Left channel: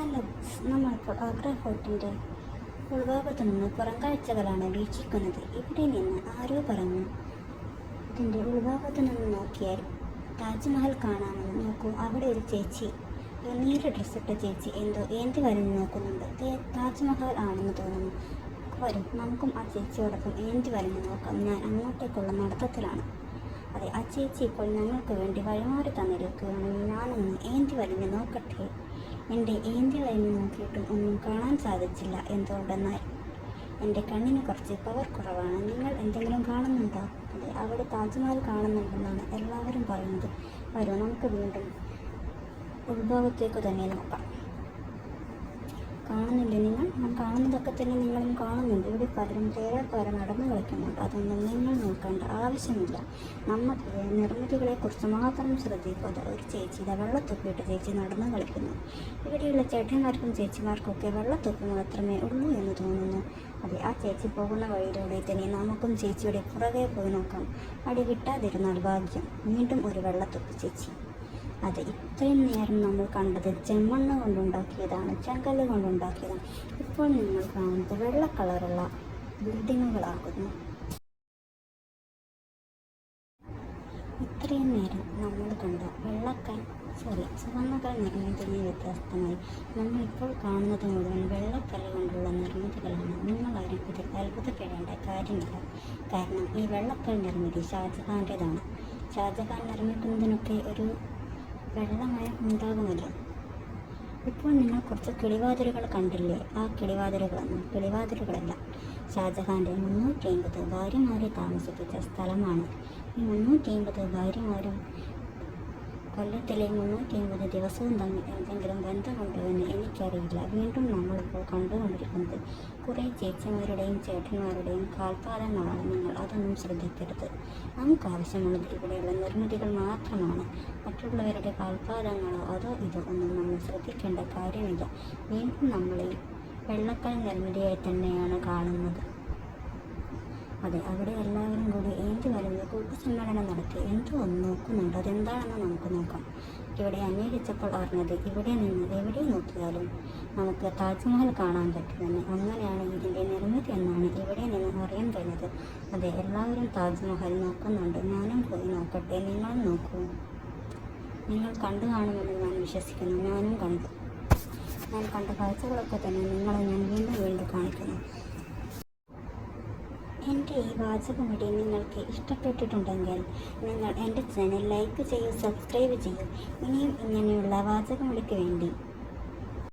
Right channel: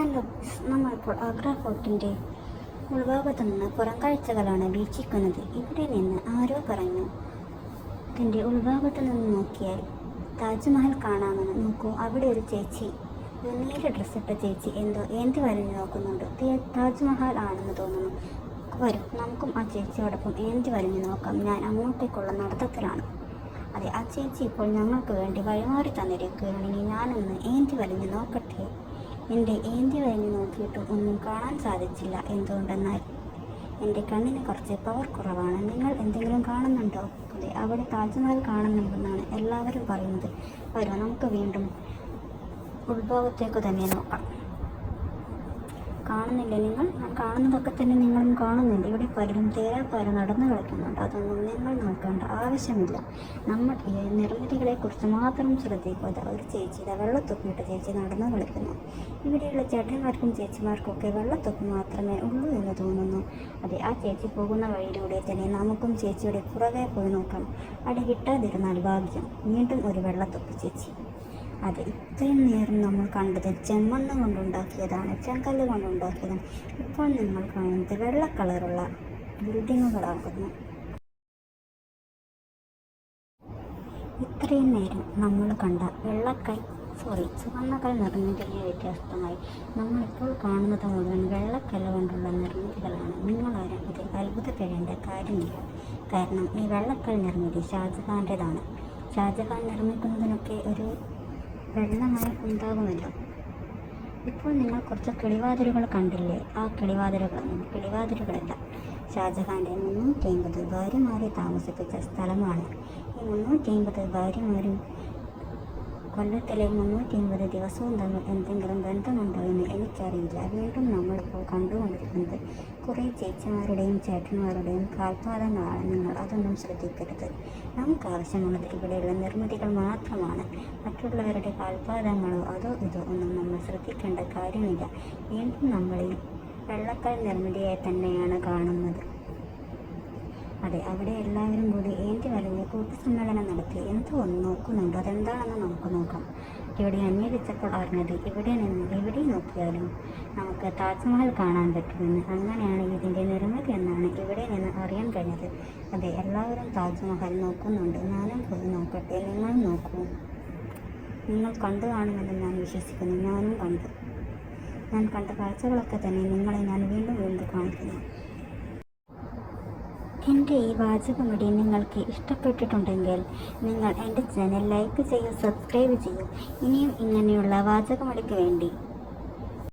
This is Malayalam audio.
ഹലോ നമ്മളിപ്പോൾ ആഗ്ര ഫോർട്ടിന്റെ ഉൾഭാഗത്തു നിന്ന് പുറം കാഴ്ചകളാണ് വീക്ഷിക്കുന്നത്. ഇവിടെ നിന്ന് ആരോ പറഞ്ഞു ഇതിന്റെ ഉൾഭാഗത്തു നിന്ന് നോക്കിയാൽ താജ്മഹൽ കാണാമെന്ന് നോക്കൂ. അവിടെ ഒരു ചേച്ചി നീല ഡ്രസ്സിട്ട ചേച്ചി എന്തോ ഏന്തി വരഞ്ഞു നോക്കുന്നുണ്ട്. താജ്മഹൽ ആണെന്ന് തോന്നുന്നു. വരും നമുക്കും ആ ചേച്ചിയോടൊപ്പം ഏന്തി വരഞ്ഞു നോക്കാം. ഞാൻ അങ്ങോട്ടേക്കുള്ള നടത്തത്തിലാണ്. അതെ ആ ചേച്ചി ഇപ്പോൾ ഞങ്ങൾക്ക് വേണ്ടി വഴിമാറി തന്നിരിക്കുകയാണെങ്കിൽ ഞാനൊന്ന് ഏന്തി വലിഞ്ഞു നോക്കട്ടെ. എന്റെ ഏന്തി വലിഞ്ഞു നോക്കിയിട്ടും ഒന്നും കാണാൻ സാധിച്ചില്ല എന്തുകൊണ്ടെന്നാൽ എന്റെ കണ്ണിന് കുറച്ച് പവർ കുറവാണ്. നിങ്ങൾ എന്തെങ്കിലും കാണുന്നുണ്ടോ? അതെ അവിടെ താജ്മഹൽ കാണുന്നുണ്ടെന്നാണ് എല്ലാവരും പറയുന്നത്. വരൂ നമുക്ക് വീണ്ടും ഉത്ഭവത്തേക്ക് തന്നെ നോക്കാം. കാണുന്നില്ല. നിങ്ങൾ ഞാൻ കാണുന്നതൊക്കെ തന്നെ നിങ്ങളും കാണുന്നുണ്ട്. ഇവിടെ പലരും തേരാപ്പാര നടന്നു കളിക്കുന്നുണ്ട് അതൊന്നും നിങ്ങൾ നോക്കേണ്ട ആവശ്യമില്ല. നമ്മൾ ഈ നിർമ്മിതികളെക്കുറിച്ച് മാത്രം ശ്രദ്ധിക്കാതെ ഒരു ചേച്ചി ഇതാ വെള്ളത്തൊപ്പിയിട്ട് ചേച്ചി നടന്നു കളിക്കുന്നു. ഇവിടെയുള്ള ചേട്ടന്മാർക്കും ചേച്ചിമാർക്കും ഒക്കെ വെള്ളത്തൊപ്പി മാത്രമേ ഉള്ളൂ എന്ന് തോന്നുന്നു. അതെ ആ ചേച്ചി പോകുന്ന വഴിയിലൂടെ തന്നെ നമുക്കും ചേച്ചിയുടെ പുറകെ പോയി നോക്കാം. അടി കിട്ടാതിരുന്നാൽ ഭാഗ്യം. വീണ്ടും ഒരു വെള്ളത്തൊപ്പി ചേച്ചി. അതെ ഇത്രയും നേരം നമ്മൾ കണ്ടത് ചെമ്മണ്ണ് കൊണ്ടുണ്ടാക്കിയതാണ് ചെങ്കല്ല് കൊണ്ടുണ്ടാക്കിയതാണ്. ഇപ്പോൾ നിങ്ങൾ കാണുന്നത് വെള്ള കളറുള്ള ബിൽഡിങ്ങുകളാകുന്നു. ഇത്രയും നേരം നമ്മൾ കണ്ട വെള്ളക്കൽ സോറി ചുവന്നക്കൽ നിർമ്മിതിയെ വ്യത്യസ്തമായി നമ്മൾ ഇപ്പോൾ കാണുന്നത് മുഴുവൻ വെള്ളക്കല്ല് കൊണ്ടുള്ള നിർമ്മിതികളാണ്. നിങ്ങളാരും ഇതിൽ അത്ഭുതപ്പെടേണ്ട കാര്യമില്ല. കാരണം ഈ വെള്ളക്കൽ നിർമ്മിതി ഷാജഹാന്റെതാണ്. ഷാജഹാൻ നിർമ്മിക്കുന്നതിനൊക്കെ ഒരു വെള്ളമയം ഉണ്ടാകുമല്ലോ. ഇപ്പോൾ നിങ്ങൾ കുറച്ച് കിളിവാതിലുകൾ കണ്ടില്ലേ? ആ കിളിവാതിലുകൾ കിളിവാതിലുകളല്ല. ഷാജഹാന്റെ മുന്നൂറ്റി അമ്പത് ഭാര്യമാരെ താമസിപ്പിച്ച സ്ഥലമാണ്. ഈ മുന്നൂറ്റി അമ്പത് ഭാര്യമാരും കൊല്ലത്തിലെ മുന്നൂറ്റി അമ്പത് ദിവസവും തമ്മിൽ എന്തെങ്കിലും ബന്ധമുണ്ടോ എന്ന് എനിക്കറിയില്ല. വീണ്ടും നമ്മളിപ്പോൾ കണ്ടുകൊണ്ടിരിക്കുന്നത് കുറേ ചേച്ചിമാരുടെയും ചേട്ടന്മാരുടെയും കാൽപാദങ്ങളാണ്. നിങ്ങൾ അതൊന്നും ശ്രദ്ധിക്കരുത്. നമുക്ക് ആവശ്യമുള്ളത് ഇവിടെയുള്ള നിർമ്മിതികൾ മാത്രമാണ്. മറ്റുള്ളവരുടെ കാൽപാദങ്ങളോ അതോ ഇതോ ഒന്നും നമ്മൾ ശ്രദ്ധിക്കേണ്ട കാര്യമില്ല. വീണ്ടും നമ്മൾ ഈ വെള്ളക്കൽ നിർമ്മിതിയായി തന്നെയാണ് കാണുന്നത്. അതെ അവിടെ എല്ലാവരും കൂടി ഏന്തി വലിഞ്ഞ കൂട്ടസമ്മേളനം നടത്തി എന്തോ ഒന്ന് നോക്കുന്നുണ്ട്. അതെന്താണെന്ന് നമുക്ക് നോക്കാം. ഇവിടെ അന്വേഷിച്ചപ്പോൾ അറിഞ്ഞത് ഇവിടെ നിന്ന് എവിടെ നോക്കിയാലും നമുക്ക് താജ്മഹൽ കാണാൻ പറ്റുമെന്ന്. അങ്ങനെയാണ് ഇതിന്റെ നിർമ്മിതി എന്നാണ് ഇവിടെ നിന്ന് അറിയാൻ കഴിഞ്ഞത്. അതെ എല്ലാവരും താജ്മഹൽ നോക്കുന്നുണ്ട്. ഞാനും പോയി നോക്കട്ടെ. നിങ്ങൾ നോക്കൂ. നിങ്ങൾ കണ്ടു കാണുമെന്ന് ഞാൻ വിശ്വസിക്കുന്നു. ഞാനും കണ്ടു. ഞാൻ കണ്ട കാഴ്ചകളൊക്കെ തന്നെ നിങ്ങളെ ഞാൻ വീണ്ടും വീണ്ടും കാണിക്കുന്നു. എന്റെ ഈ വാചകമടി നിങ്ങൾക്ക് ഇഷ്ടപ്പെട്ടിട്ടുണ്ടെങ്കിൽ നിങ്ങൾ എന്റെ ചാനൽ ലൈക്ക് ചെയ്യൂ സബ്സ്ക്രൈബ് ചെയ്യൂ. ഇനിയും ഇങ്ങനെയുള്ള വാചകമടിക്ക് വേണ്ടി